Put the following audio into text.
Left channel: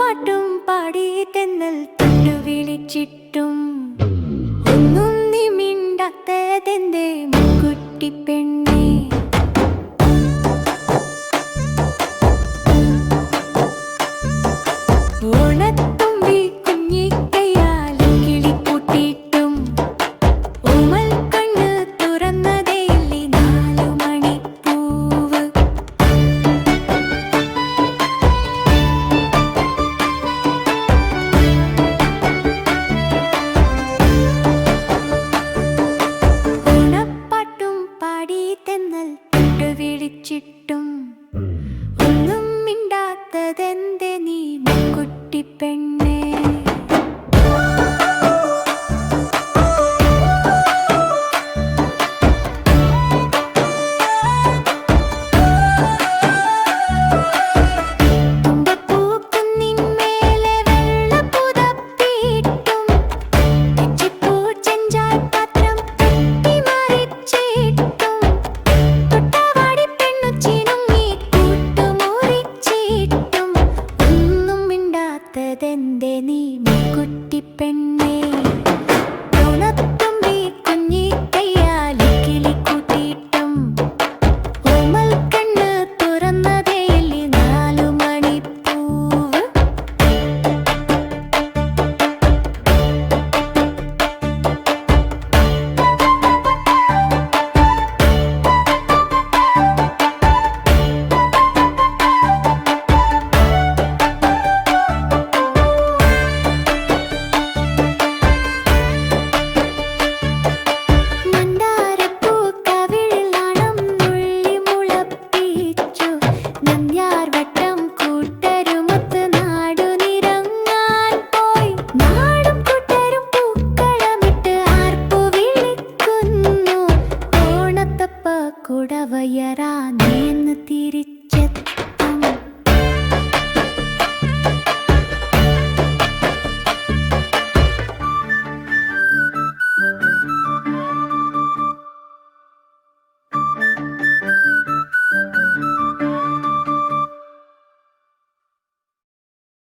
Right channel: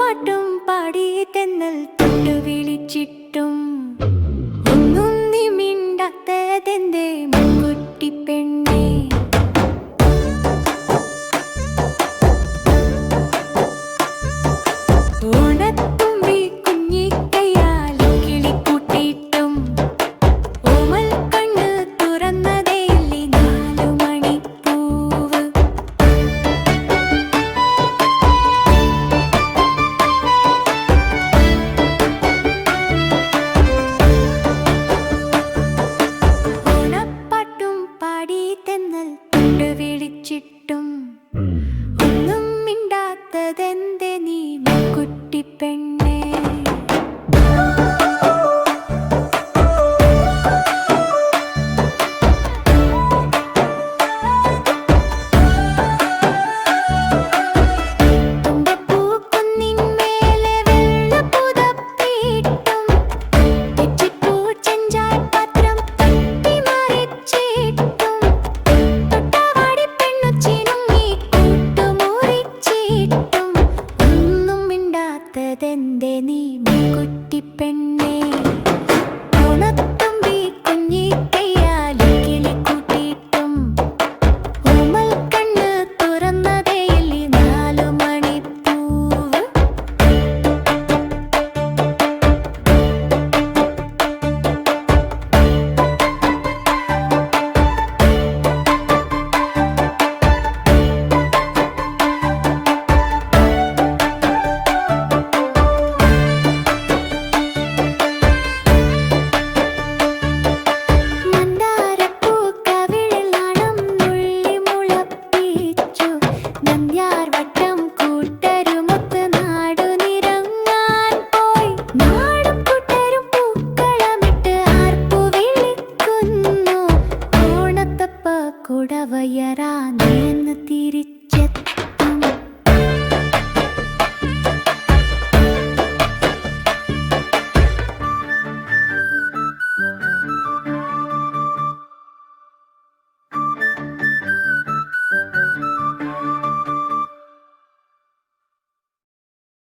പാട്ടും പാടി തെന്നൽ തൊട്ടു വിളിച്ചിട്ടും. ഒന്നും നിമിണ്ടാത്തതെന്റെ മുക്കുട്ടി പെണ്ണേ? വിളിച്ചിട്ടും ഒന്നും മിണ്ടാത്തതെന്തേ നീ മുക്കുട്ടി പെണ്ണേ? മിണ്ടാത്തതെന്തേ നീ മുക്കുട്ടി പെണ്ണേ? കുടവയറാ നീ എന്ന് തിരിച്ചു